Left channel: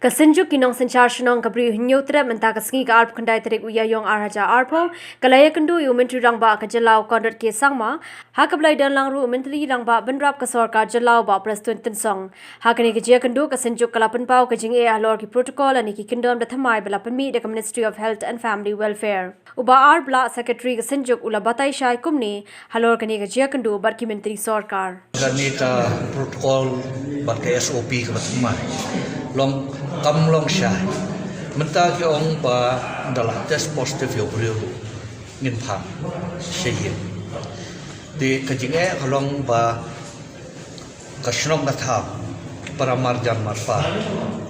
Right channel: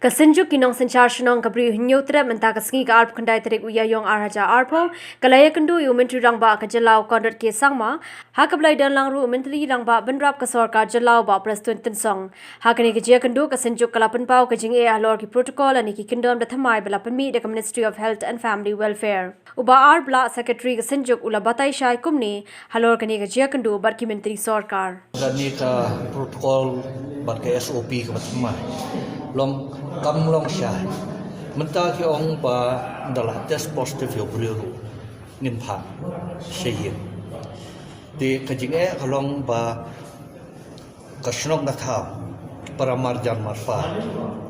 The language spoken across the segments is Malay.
Synjuk Nongsynshar Shnong kabri Hynniewtrep mynta sngi ka arp kandai tarik Iaiong raja arpo iakynduh Myntri Rangbah ka jylla Conrad Sangma ha kablai dan langru Myntri Rangbah benrap ka sorkar jylla ba Prestone Tynsong ha kani ka iakynduh ka Synjuk kalapan pau ka jing halor ki protocol ani ki kindom da thamai bela permi da Ministry of Health and Family Welfare uba arp la secretary ka Synjuk ula batai shai kumni halor kani ka iakynduh barki Myntri sorkar kani ka protocol barki SOP ka thamai long kam long shai mynta ki ong ba dalam test positif yo brio ngin phang shihim de kajing kalong ba ka shnong na tha paramar jan marpa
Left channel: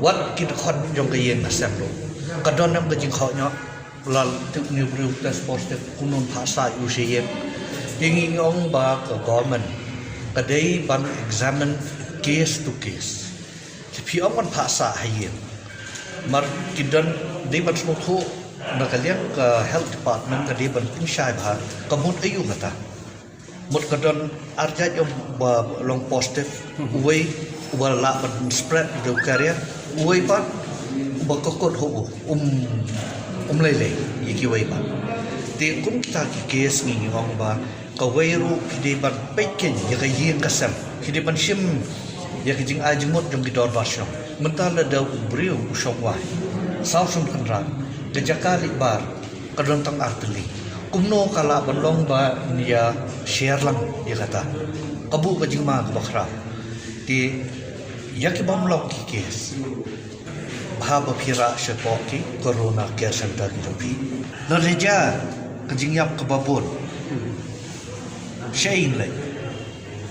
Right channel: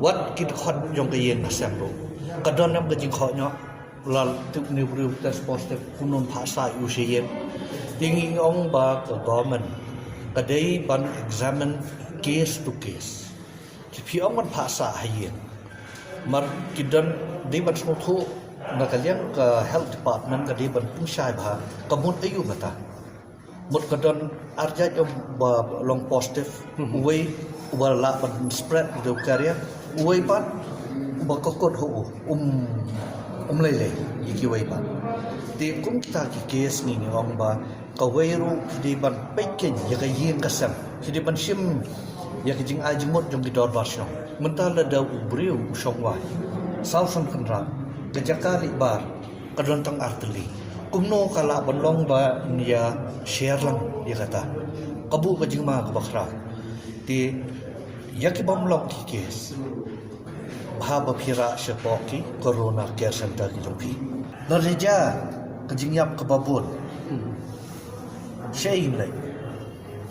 wat kit khot jong ka yen ka sang lo ka don nam kajing kho nyo lal tu ni brio test positif kunun pha sa yu shihim ding ong ba ka government ka dei ban examine case to case Pi aman paksa hayin, mar kidan di ban suatu nakalian ke health department ke di ban pinsai bah kamun ayu kata, mut kadan arjat yang ba long positif, uai wala ban spread di karya, uai ban bakokot ho lele iki uai ban, di kum kita case ni hong ba kawairu di ban pekin yang kayin kasam, di ban sim ya kijing ajmut jong ki dor basno mentala da brio usongwa sausun kandra ke jakali bar kadon tang arteli kumno kala bonlong ba nia share lang ya kata kabu kijing ma bakra ti yaki bomlok ki kes bahaba pira sepoki corona care center ki topi lereja kijing yap kababon shain le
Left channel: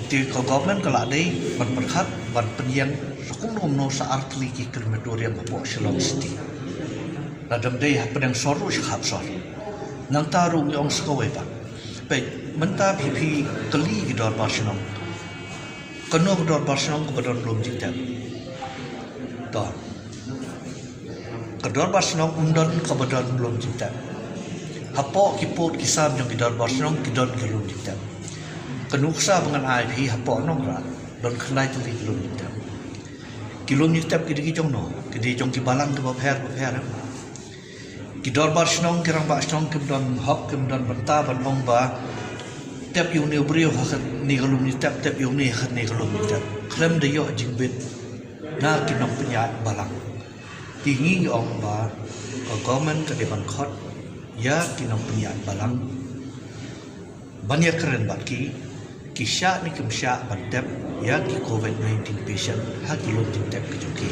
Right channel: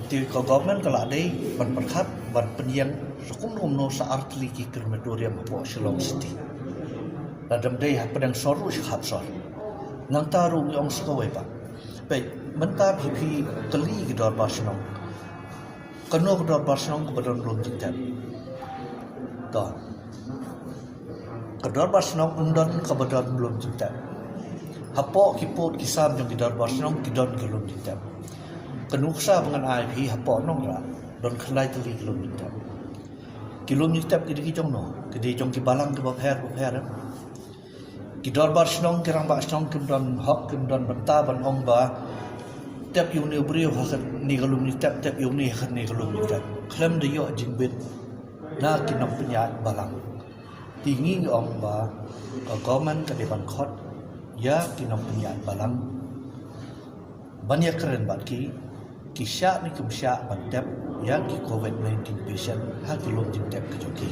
di government kala dei ban berkat ban penyiang sukunum no saat lagi kermedorian mapok Shillong City ladam dei pedang soru shap sor nang taru yang sekawai ba pe menta pipi kali gidor barsnong kano gidor barsnong kedor belum jijak to kedor barsnong undon kabadon belum jijak hapo kiput kisam jong gidor barsnong kidon belum jijak kenuksa dengan IP hapok nongrat don khlai tu kilometer kidi jong no kidi jong ki balang ke bapher ki dor bar snong ki rang ba snong ki don hop ki don banta ban ong ba tep yu ne brio ha ni kilometer tep yu ne khat ni kilometer klem de yo jingbet na ki nong pnya balang ti ngi ong ba government ka de ban khot ya ki nong pnya balang banyak keren bat ki kisah ni kumsya bandep ya ki COVID-19 patient ha ki lom jintep ke joki